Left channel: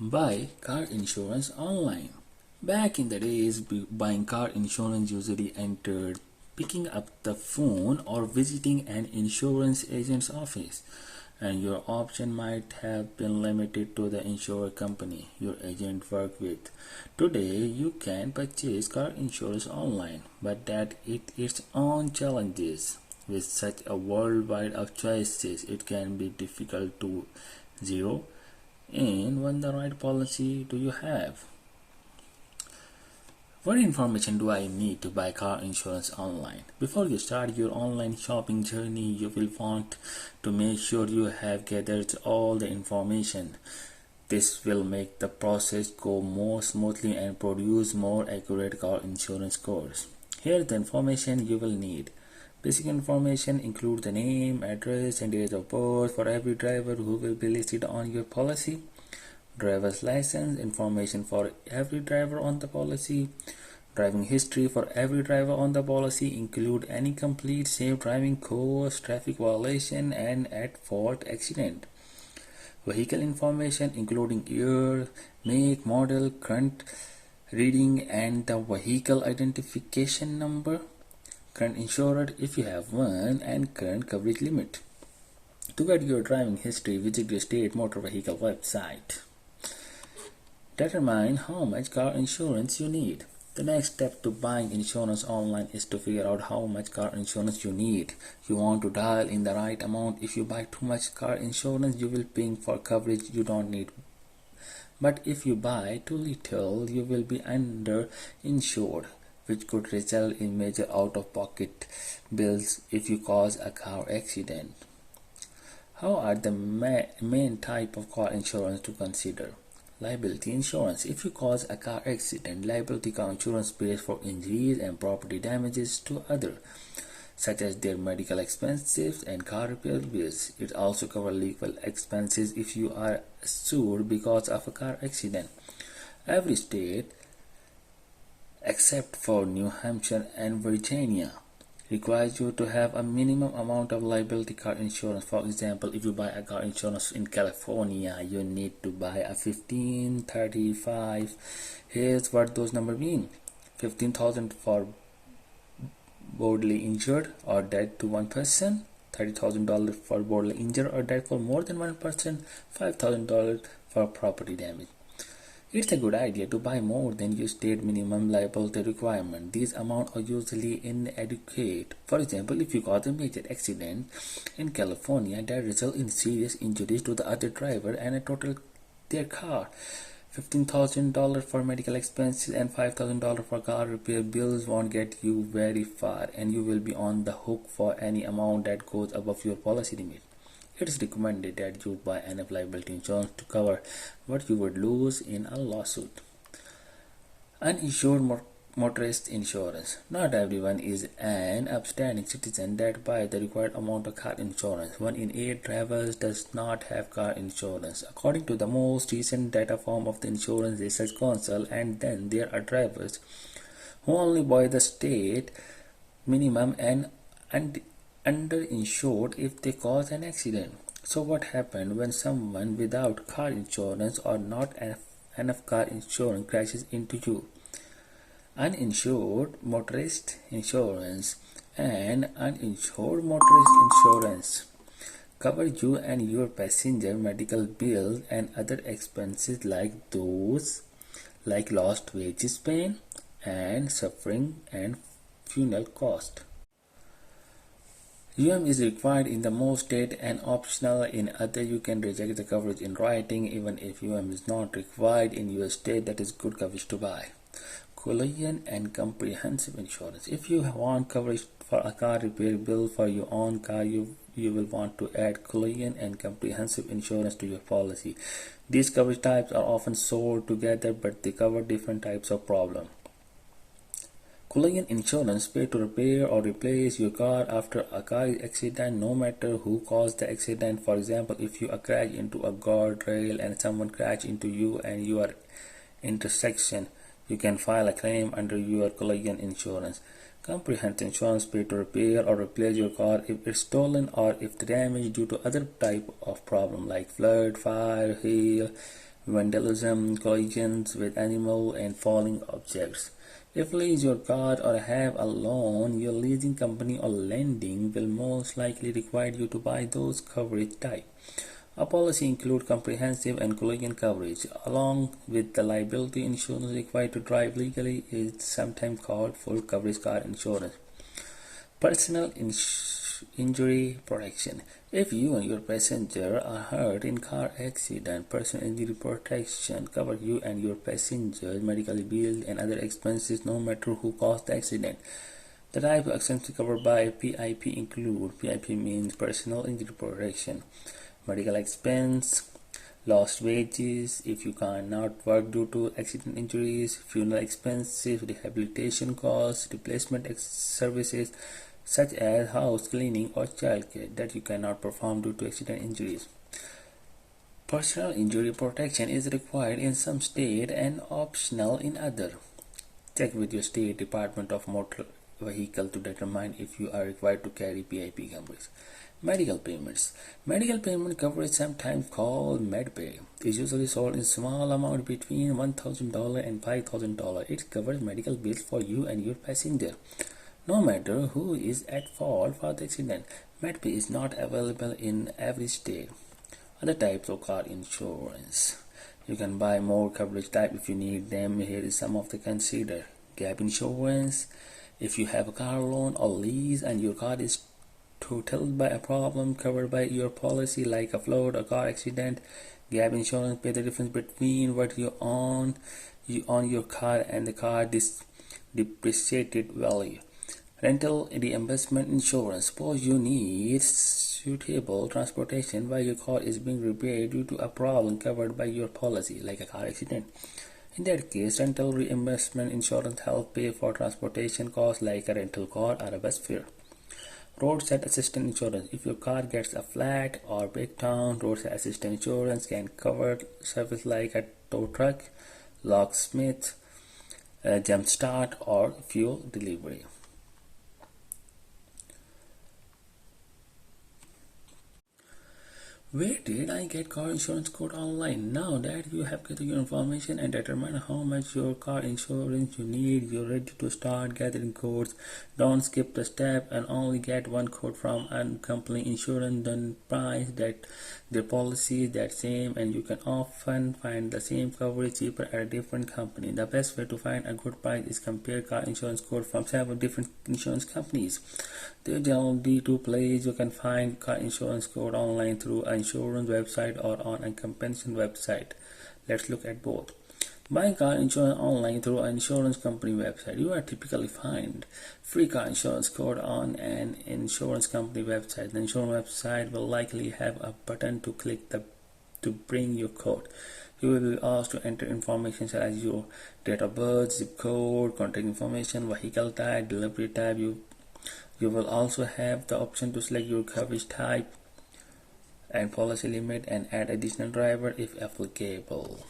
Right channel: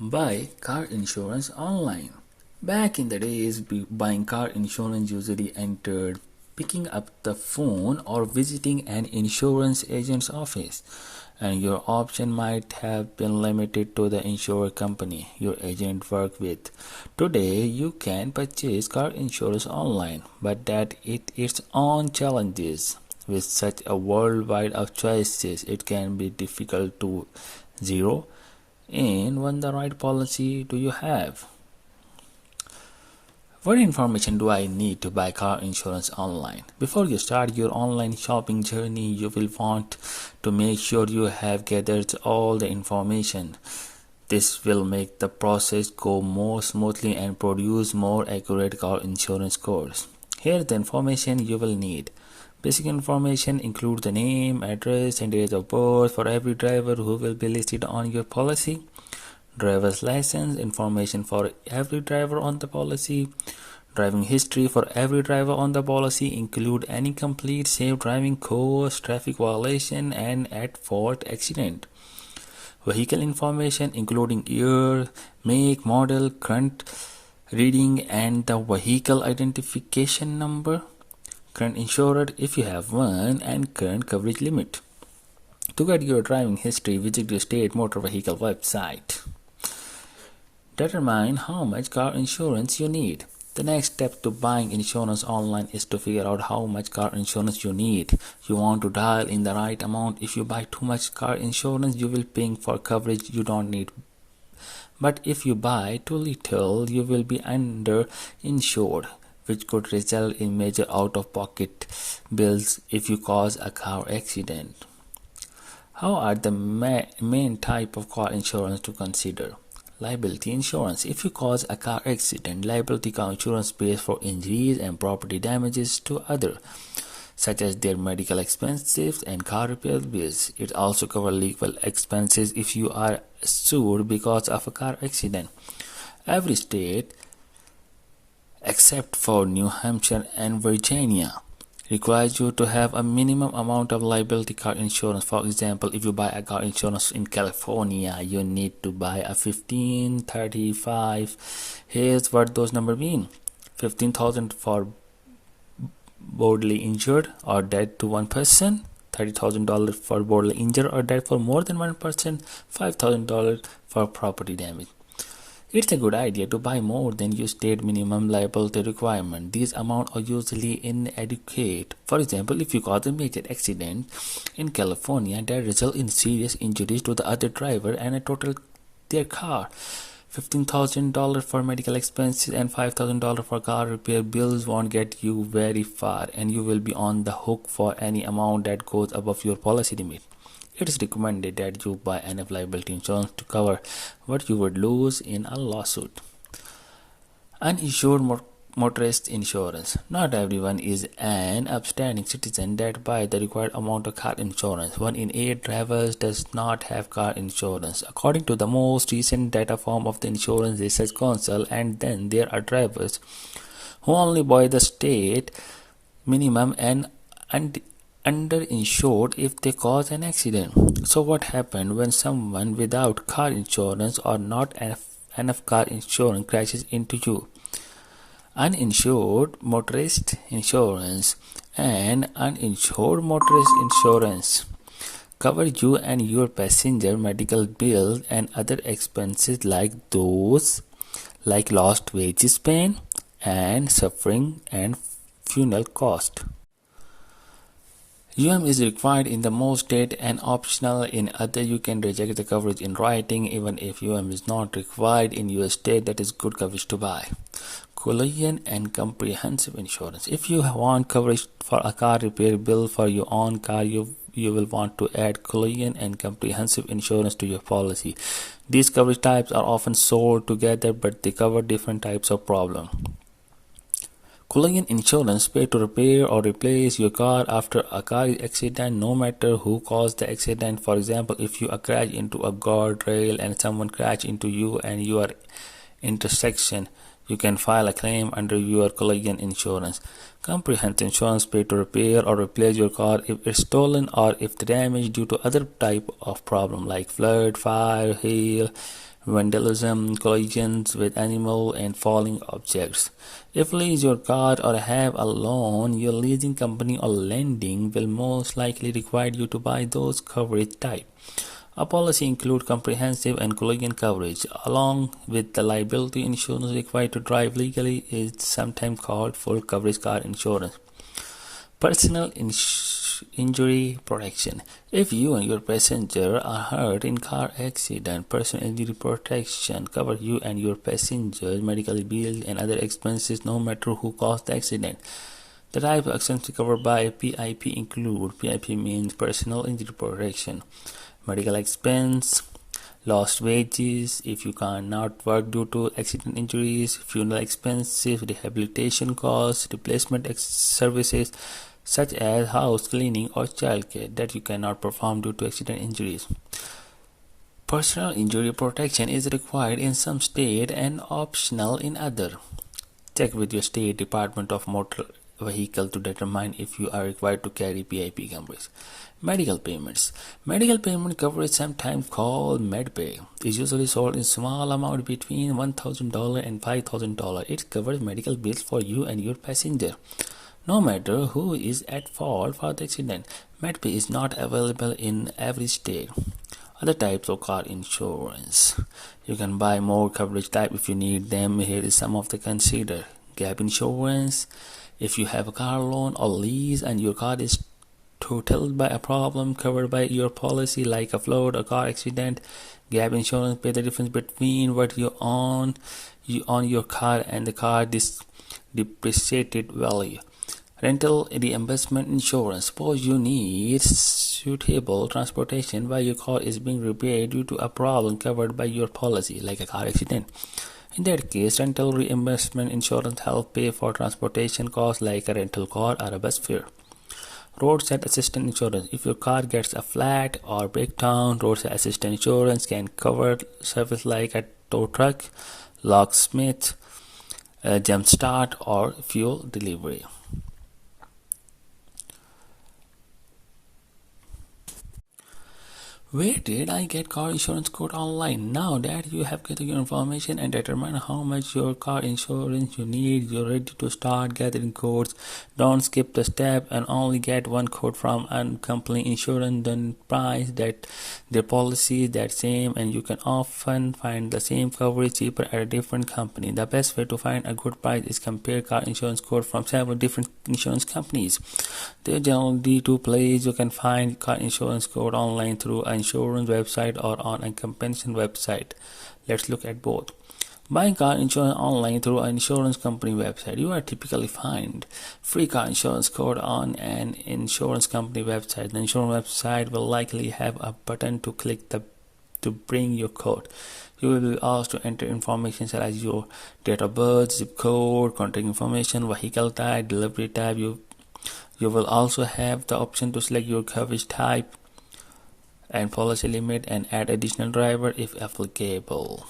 Buy car insurance online. Back in the days, buying car insurance usually entered picking up the phone or visiting an insurance agent's office, and your option might have been limited to the insurer company your agent worked with. Today, you can purchase car insurance online, but that its own challenges. With such a worldwide of choices, it can be difficult to zero in when the right policy do you have. What information do I need to buy car insurance online? Before you start your online shopping journey, you will want to make sure you have gathered all the information. This will make the process go more smoothly and produce more accurate car insurance scores. Here's the information you will need. Basic information include the name, address, and date of birth for every driver who will be listed on your policy. Driver's license information for every driver on the policy. Driving history for every driver on the policy include any complete safe driving course, traffic violation, and at-fault accident. Vehicle information including year, make, model, current reading, and the vehicle identification number. Current insurer if you have one, and current coverage limit. To get your driving history, visit your state motor vehicle website. Determine how much car insurance you need. The next step to buying insurance online is to figure out how much car insurance you need. You want to dial in the right amount. If you buy too much car insurance, you will pay for coverage you don't need. But if you buy too little, you will be underinsured, which could result in major out-of-pocket bills if you cause a car accident. How are the main type of car insurance to consider? Liability insurance. If you cause a car accident, liability car insurance pays for injuries and property damages to others, such as their medical expenses and car repair bills. It also covers legal expenses if you are sued because of a car accident. Every state, except for New Hampshire and Virginia, requires you to have a minimum amount of liability car insurance. For example, if you buy a car insurance in California, you need to buy a 1535. Here's what those numbers mean. 15,000 for bodily injured or dead to one person, $30,000 for bodily injured or dead for more than one person, $5,000 for property damage. It's a good idea to buy more than your state minimum liability requirement. These amounts are usually inadequate. For example, if you cause a major accident in California that results in serious injuries to the other driver and a total their car, $15,000 for medical expenses and $5,000 for car repair bills won't get you very far, and you will be on the hook for any amount that goes above your policy limit. It is recommended that you buy enough liability insurance to cover what you would lose in a lawsuit. Uninsured motorist insurance. Not everyone is an upstanding citizen that buys the required amount of car insurance. 1 in 8 drivers does not have car insurance, according to the most recent data from of the Insurance Research Council. And then there are drivers who only buy the state minimum and underinsured if they cause an accident. So what happens when someone without car insurance or not enough car insurance crashes into you? Uninsured motorist insurance and uninsured motorist insurance cover you and your passenger medical bills and other expenses like lost wages, pain and suffering, and funeral cost. is required in the most states and optional in other. You can reject the coverage in writing. Even if is not required in your state, that is good coverage to buy. Collision and comprehensive insurance. If you want coverage for a car repair bill for your own car, you will want to add collision and comprehensive insurance to your policy. These coverage types are often sold together, but they cover different types of problems. Collision insurance pays to repair or replace your car after a car accident, no matter who caused the accident. For example, if you crash into a guardrail and someone crashed into you and you are intersection, you can file a claim under your collision insurance. Comprehensive insurance pays to repair or replace your car if it's stolen or if the damage due to other type of problem like flood, fire, hail, vandalism, collisions with animal and falling objects. If lease your car or have a loan, your leasing company or lending will most likely require you to buy those coverage type. A policy includes comprehensive and collision coverage, along with the liability insurance required to drive legally is sometimes called full coverage car insurance. Personal injury protection. If you and your passenger are hurt in car accident, personal injury protection covers you and your passenger's medical bills and other expenses no matter who caused the accident. The type of expenses covered by PIP include PIP means personal injury protection, medical expense, lost wages if you cannot work due to accident injuries, funeral expenses, rehabilitation costs, replacement services such as house cleaning or childcare that you cannot perform due to accident injuries. Personal injury protection is required in some states and optional in others. Check with your state Department of Motor Vehicle to determine if you are required to carry PIP coverage. Medical payments. Medical payment coverage, sometimes called MedPay, is usually sold in small amount between $1,000 and $5,000. It covers medical bills for you and your passenger, no matter who is at fault for the accident. MedPay is not available in every state. Other types of car insurance. You can buy more coverage type if you need them. Here is some of the consider. Gap insurance. If you have a car loan or lease and your car is totaled by a problem covered by your policy like a flood or car accident, gap insurance pay the difference between what you own your car and the car depreciated value. Rental reimbursement insurance. Suppose you need suitable transportation while your car is being repaired due to a problem covered by your policy like a car accident. In that case, rental reimbursement insurance helps pay for transportation costs like a rental car or a bus fare. Roadside assistance insurance. If your car gets a flat or breakdown, roadside assistance insurance can cover service like a tow truck, locksmith, jump start, or fuel delivery. Where did I get car insurance quote online? Now that you have gathered your information and determined how much your car insurance you need, you're ready to start gathering quotes. Don't skip the step and only get one quote from a company insurance. Then price that their policy is that same, and you can often find the same coverage cheaper at a different company. The best way to find a good price is compare car insurance quote from several different insurance companies. There are generally two places you can find car insurance quote online: through an insurance website or on a companion website. Let's look at both. Buying car insurance online through an insurance company website. You are typically find free car insurance quote on an insurance company website. The insurance website will likely have a button to click to bring your quote. You will be asked to enter information such as your date of birth, zip code, contact information, vehicle type, delivery type. You will also have the option to select your coverage type and policy limit and add additional driver if applicable.